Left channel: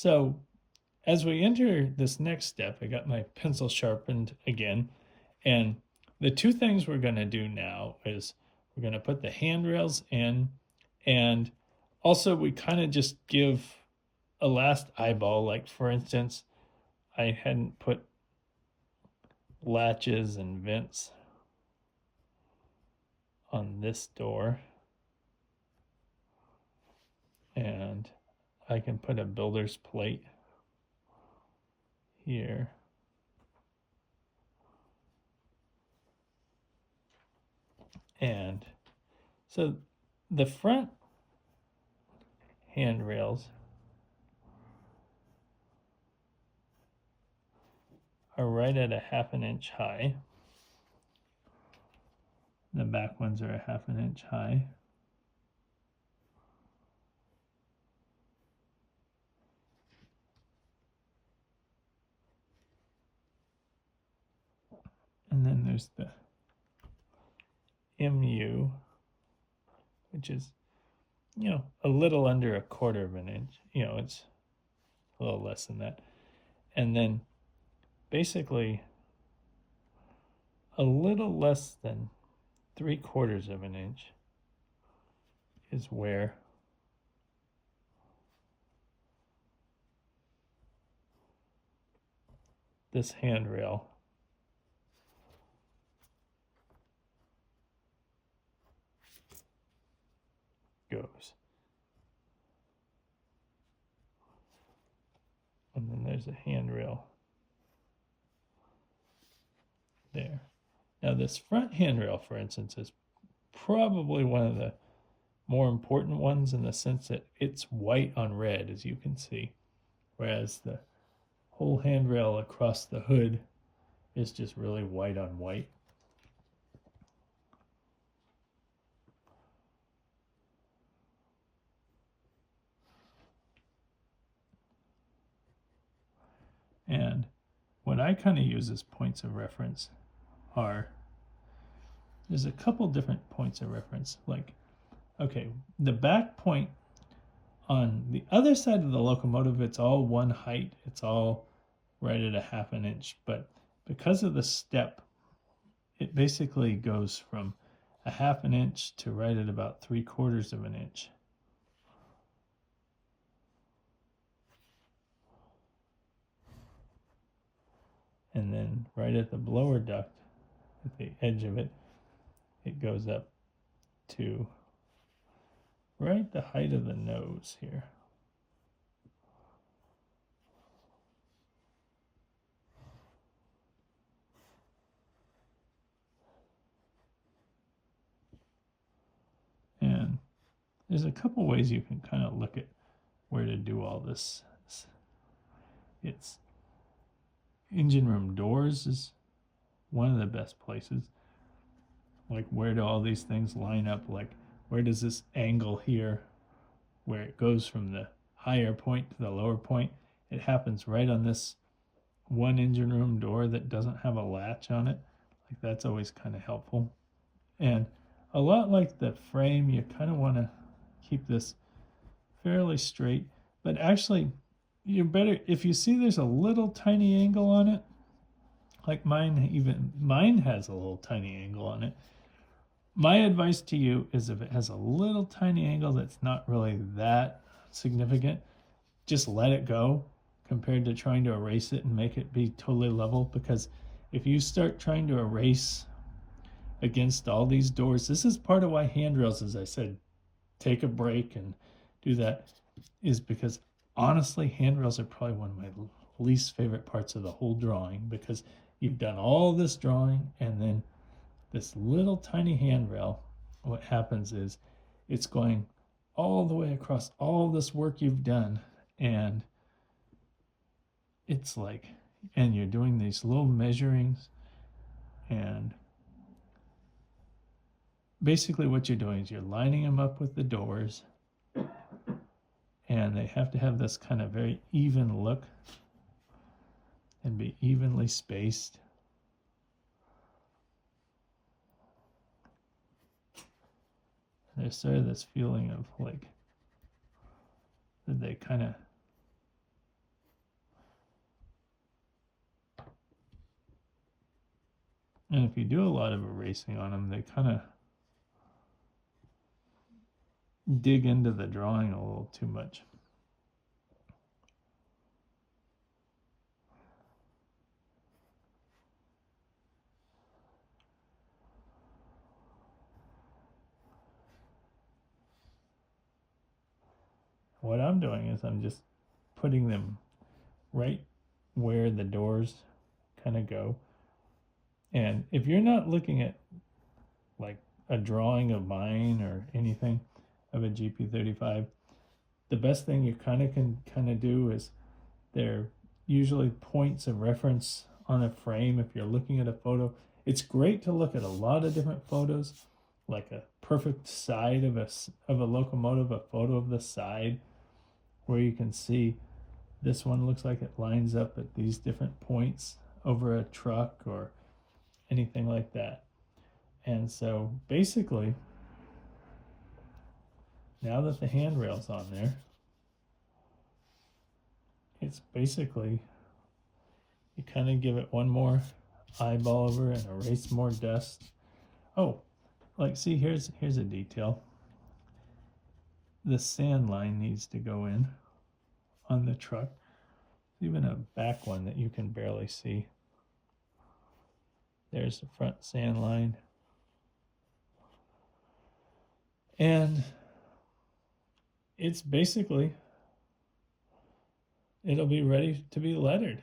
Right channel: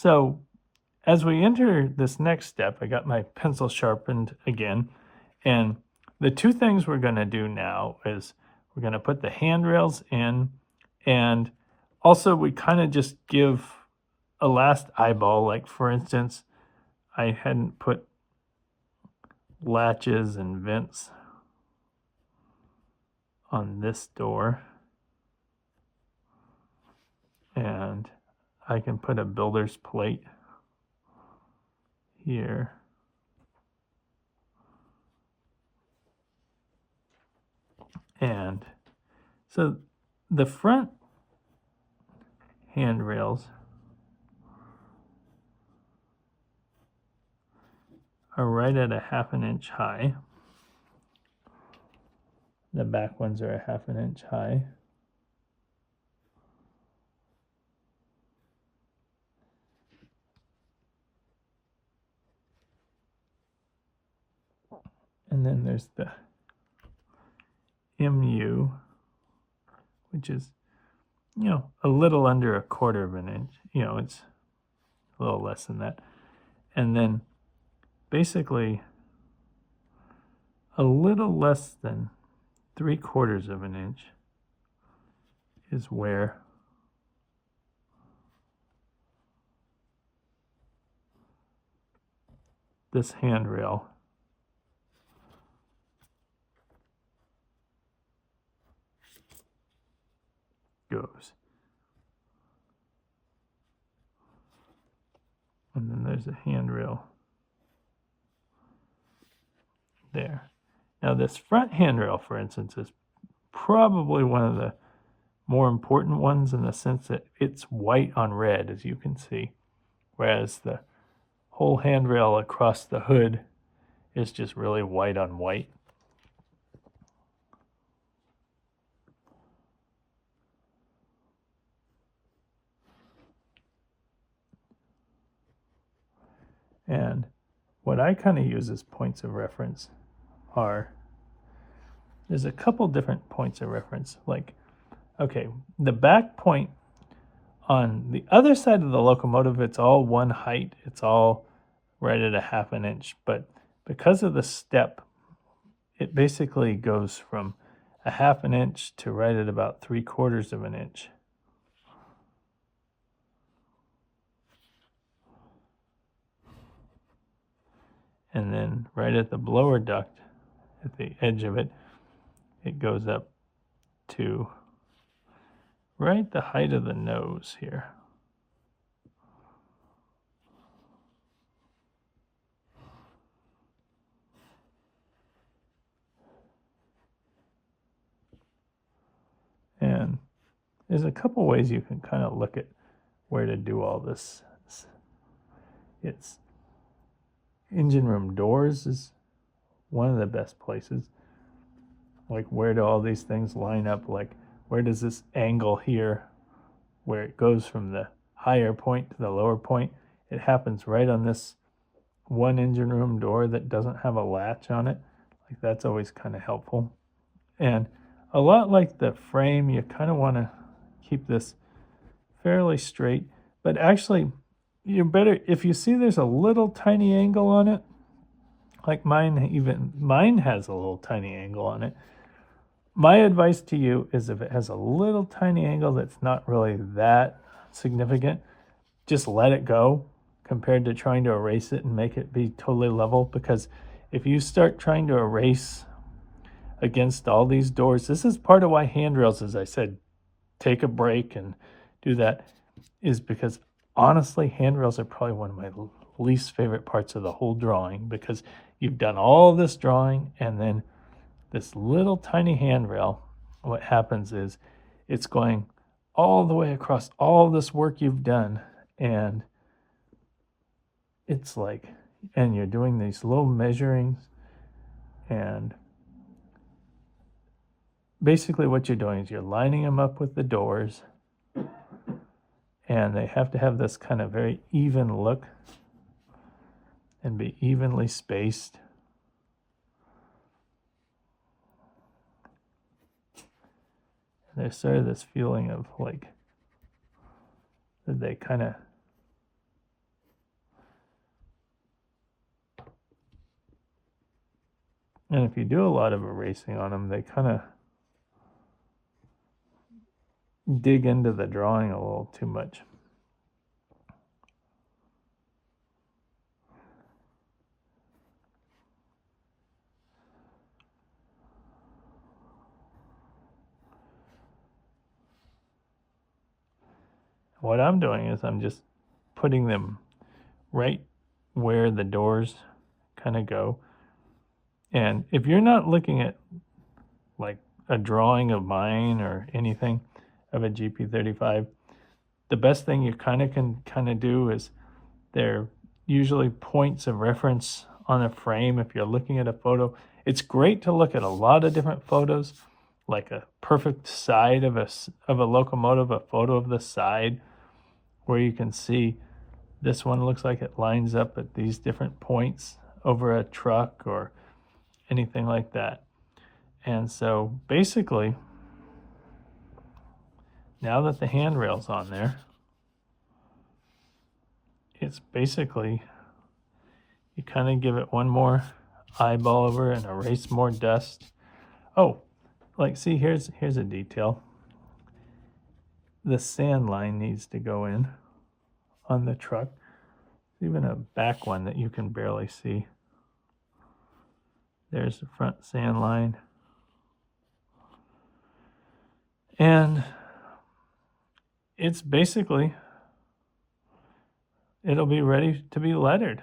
So as we enter this next step, I got my pencil sharpened again. And the two things we're going to do now is we're going to put the handrails in, and also we kind of just give a last eyeball. Like for instance, I hadn't put latches and vents on this door, and I can put a builder's plate here. And so the front handrails are right at a 1/2 inch high. The back ones are a 1/2 inch high. And then there's the MU, which is, a little under a 1/4 of an inch. It's a little less than that. And then basically a little less than 3/4 of an inch is where this handrail goes. And then there's a handrail there. Now this front handrail, for instance, is probably one of the more important ones in the sense that it's white on red, as you can see, whereas the whole handrail across the hood is just really white on white. And what I kind of use as points of reference there's a couple different points of reference. Like, okay, the back point on the other side of the locomotive, it's all one height. It's all right at a 1/2 inch. But because of the step, it basically goes from a 1/2 inch to right at about 3/4 of an inch. And then right at the blower duct, at the edge of it, it goes up to right the height of the nose here. And there's a couple ways you can kind of look at where to do all this. It's engine room doors is one of the best places. Like, where do all these things line up? Like, where does this angle here, where it goes from the higher point to the lower point, it happens right on this one engine room door that doesn't have a latch on it. Like, that's always kind of helpful. And a lot like the frame, you kind of want to keep this fairly straight, but actually you better, if you see there's a little tiny angle on it, like mine has a little tiny angle on it. My advice to you is, if it has a little tiny angle that's not really that significant, just let it go compared to trying to erase it and make it be totally level. Because if you start trying to erase against all these doors, this is part of why handrails, as I said, take a break and do that, is because honestly, handrails are probably one of my least favorite parts of the whole drawing, because you've done all this drawing and then this little tiny handrail, what happens is it's going all the way across all this work you've done, and it's like, and you're doing these little measurings, and basically what you're doing is you're lining them up with the doors, and they have to have this kind of very even look and be evenly spaced. And there's sort of this feeling of like that they kind of And if you do a lot of erasing on them, they kind of dig into the drawing a little too much. What I'm doing is I'm just putting them right where the doors kind of go. And if you're not looking at like a drawing of mine or anything of a GP35, the best thing you can do is they're usually points of reference on a frame. If you're looking at a photo, it's great to look at a lot of different photos, like a perfect side of a locomotive, a photo of the side where you can see this one looks like it lines up at these different points over a truck or anything like that. And so basically, now that the handrail's on there, it's basically, you kind of give it one more eyeball over and erase more dust. Oh, like see, here's a detail. The sand line needs to go in on the truck. Even a back one that you can barely see. There's the front sand line. And it's basically, it'll be ready to be lettered.